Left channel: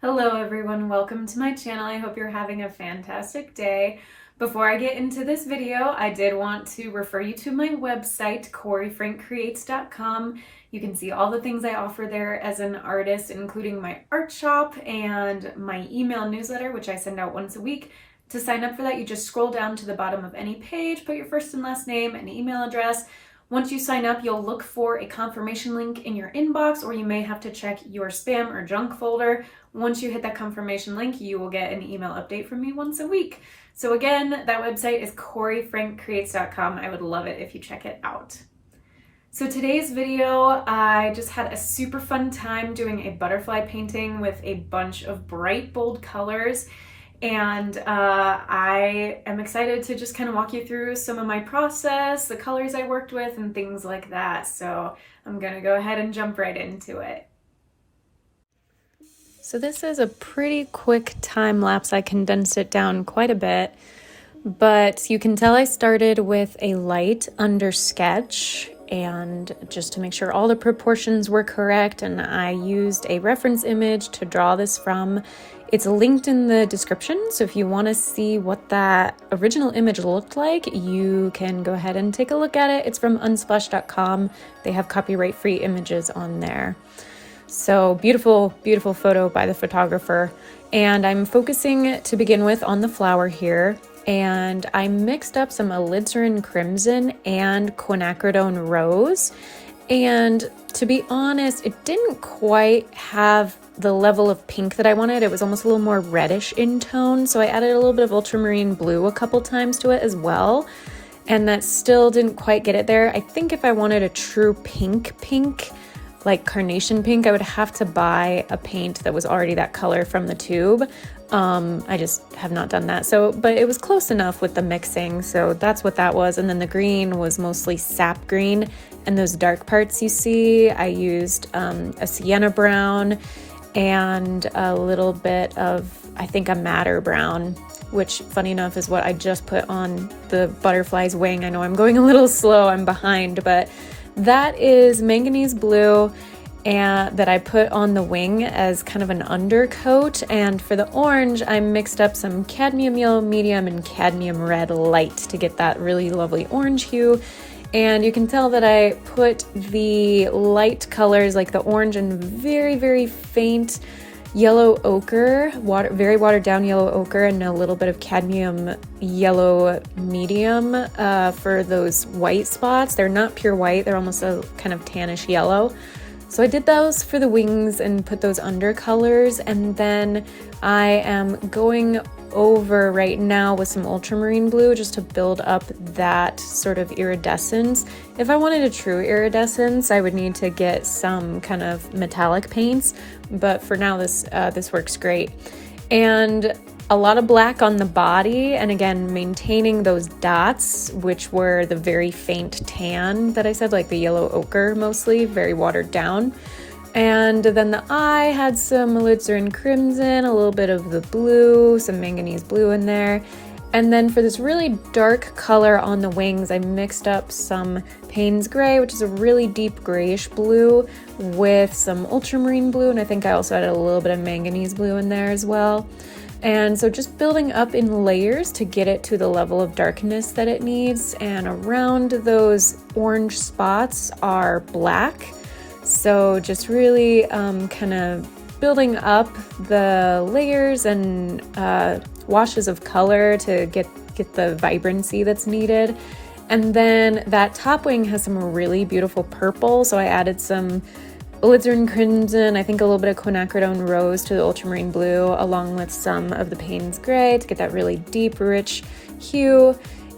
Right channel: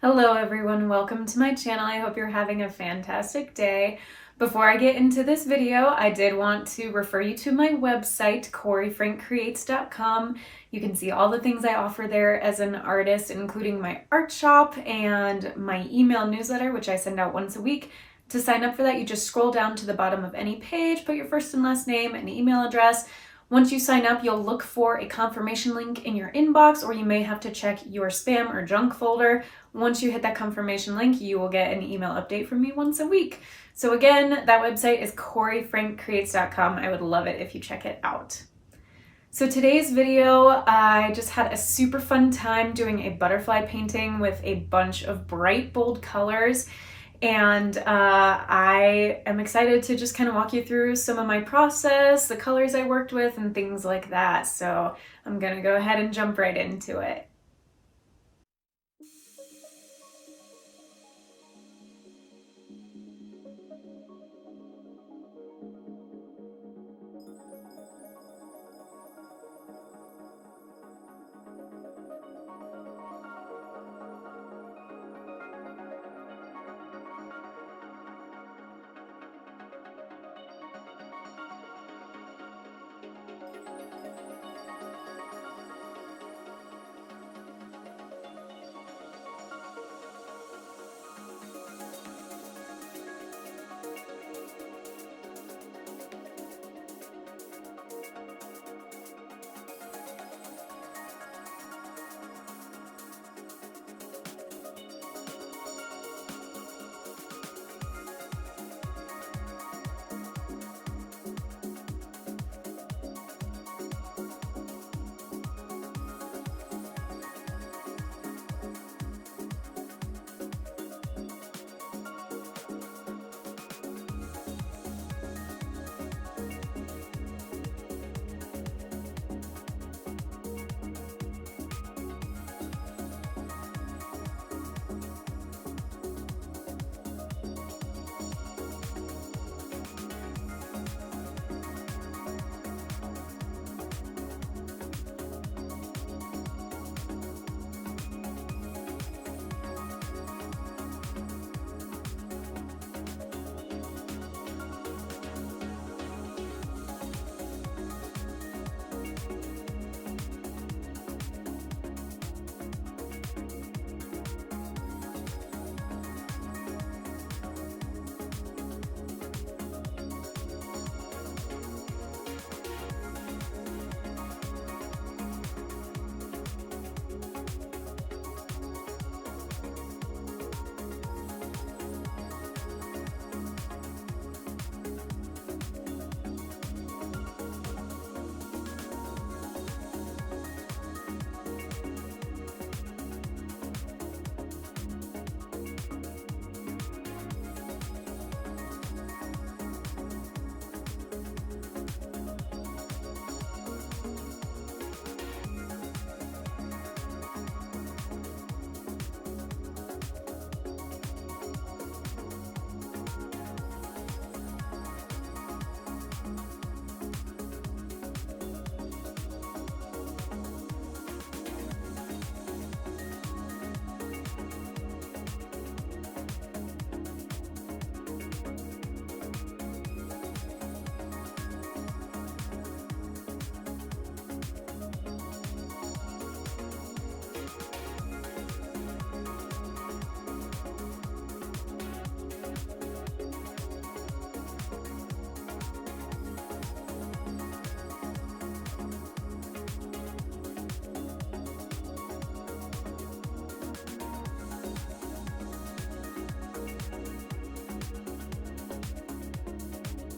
Hello everyone, welcome to my channel. I hope you're having a fantastic day. Before I get into this video, I did want to refer you to my website, CoreyFrankCreates.com. You can see all the things I offer there as an artist, including my art shop and my email newsletter, which I send out once a week. To sign up for that, you just scroll down to the bottom of any page, put your first and last name and email address. Once you sign up, you'll look for a confirmation link in your inbox, or you may have to check your spam or junk folder. Once you hit that confirmation link, you will get an email update from me once a week. So again, that website is CoreyFrankCreates.com. I would love it if you check it out. So today's video, I just had a super fun time doing a butterfly painting with a bunch of bright, bold colors. And I am excited to just kind of walk you through some of my process, the colors I worked with, and things like that. So I'm gonna go ahead and jump right into it. So this is a pretty quick time lapse. I condensed it down quite a bit, but you can tell I started with a light under sketch, and just to make sure all the proportions were correct, and I used a reference image to draw this from. It's linked in the description, so if you want to see what that original image looked like, you can go ahead and take a look at it. It's from unsplash.com. They have copyright-free images on there. So beautiful, beautiful photo by the photographer. And I'm focusing to begin with on the flower here. And I mixed up some alizarin crimson and quinacridone rose. And to be honest, it didn't quite have the level of pink that I wanted. It was almost a little more reddish in tone. So I added a little bit of ultramarine blue a couple times to it as well. And that still didn't quite get it there. I think if I wanted a true pink, like carnation pink, I would have to buy a paint that was already that color from the tube. I just have not done that. But it was close enough with the mixing. So that's what that was. And then the green was mostly sap green. And those dark parts you see, I used a sienna brown and a little bit of, I think, a madder brown, which funny enough is what I just put on the butterfly's wing. I know I'm going a little slow, I'm behind, but that is manganese blue and that I put on the wing as kind of an undercoat. And for the orange, I mixed up some cadmium yellow medium and cadmium red light to get that really lovely orange hue. And you can tell that I put the light colors like the orange and very, very faint yellow ochre, very watered down yellow ochre, and a little bit of cadmium yellow medium for those white spots. They're not pure white, they're almost a kind of tannish yellow. So I did those for the wings and put those undercolors, and then I am going over right now with some ultramarine blue just to build up that sort of iridescence. If I wanted a true iridescence, I would need to get some kind of metallic paints, but for now this works great. And a lot of black on the body, and again maintaining those dots, which were the very faint tan that I said, like the yellow ochre mostly, very watered down. And then the eye had some alizarin crimson, a little bit of the blue, some manganese blue in there. And then for this really dark color on the wings, I mixed up some Payne's Gray, which is a really deep grayish blue, with some ultramarine blue, and I think I also added a little bit of manganese blue in there as well. And so just building up in layers to get it to the level of darkness that it needs. And around those orange spots are black. So just really kind of building up the layers and washes of color to get the vibrancy that's needed. And then that top wing has some really beautiful purple, so I added some alizarin crimson, I think a little bit of quinacridone rose to the ultramarine blue, along with some of the Payne's Gray to get that really deep, rich hue.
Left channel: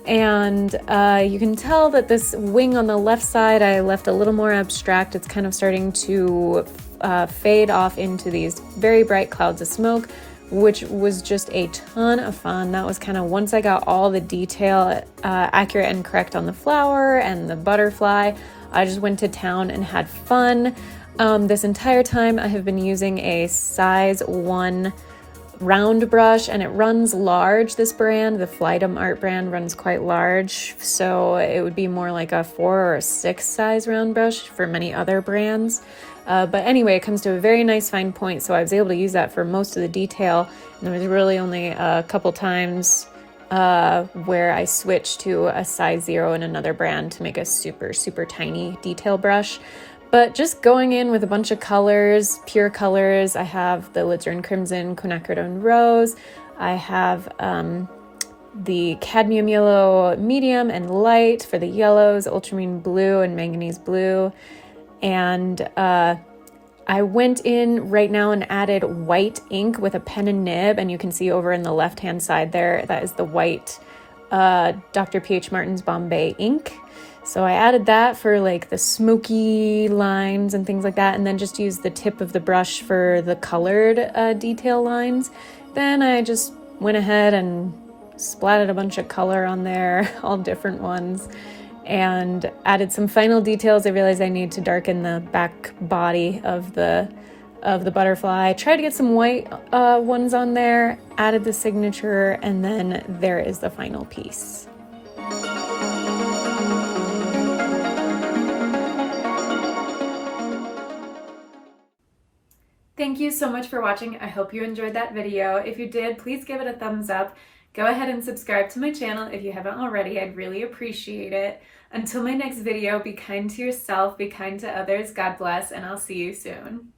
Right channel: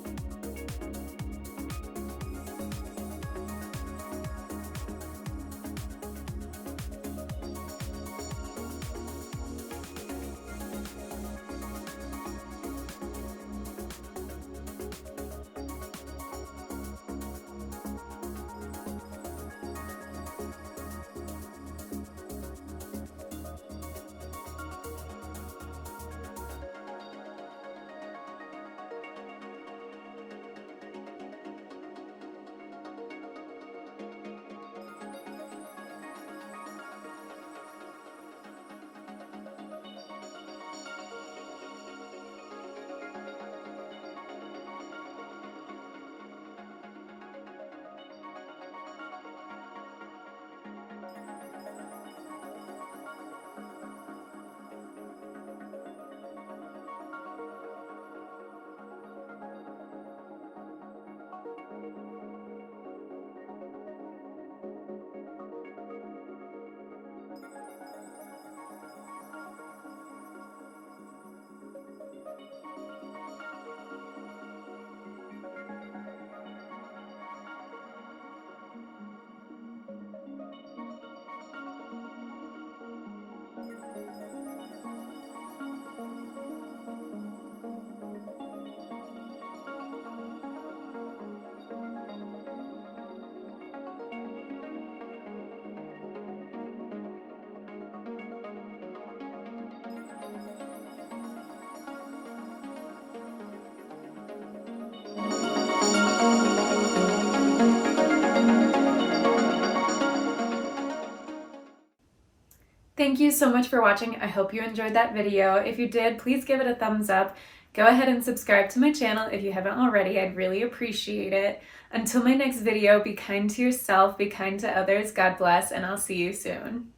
And you can tell that this wing on the left side, I left a little more abstract. It's kind of starting to fade off into these very bright clouds of smoke, which was just a ton of fun. That was kind of once I got all the detail accurate and correct on the flower and the butterfly, I just went to town and had fun. This entire time I have been using a size 1 round brush, and it runs large. This brand, the Flydom Art brand, runs quite large, so it would be more like a 4 or a 6 size round brush for many other brands. But anyway, it comes to a very nice fine point, so I was able to use that for most of the detail. And there was really only a couple times where I switched to a size 0 in another brand to make a super, super tiny detail brush. But just going in with a bunch of colors, pure colors. I have the Alizarin Crimson, Quinacridone Rose. I have the Cadmium Yellow Medium and Light for the yellows, Ultramarine Blue and Manganese Blue. And I went in right now and added white ink with a pen and nib, and you can see over in the left-hand side there, that is the white Dr. P.H. Martin's Bombay ink. So I added that for like the smoky lines and things like that, and then just used the tip of the brush for the colored detail lines. Then I just went ahead and splatted a bunch of color on there, all different ones, and added some final details. I realized I need to darken the back body of the butterfly. Tried to get some white ones on there, added the signature, and then there is the final piece. Thank you so much for watching. I hope you enjoyed that video. If you did, please give it a thumbs up. Go ahead and subscribe to my channel if you haven't already. I'd really appreciate it. Until my next video, be kind to yourself, be kind to others. God bless, and I'll see you soon.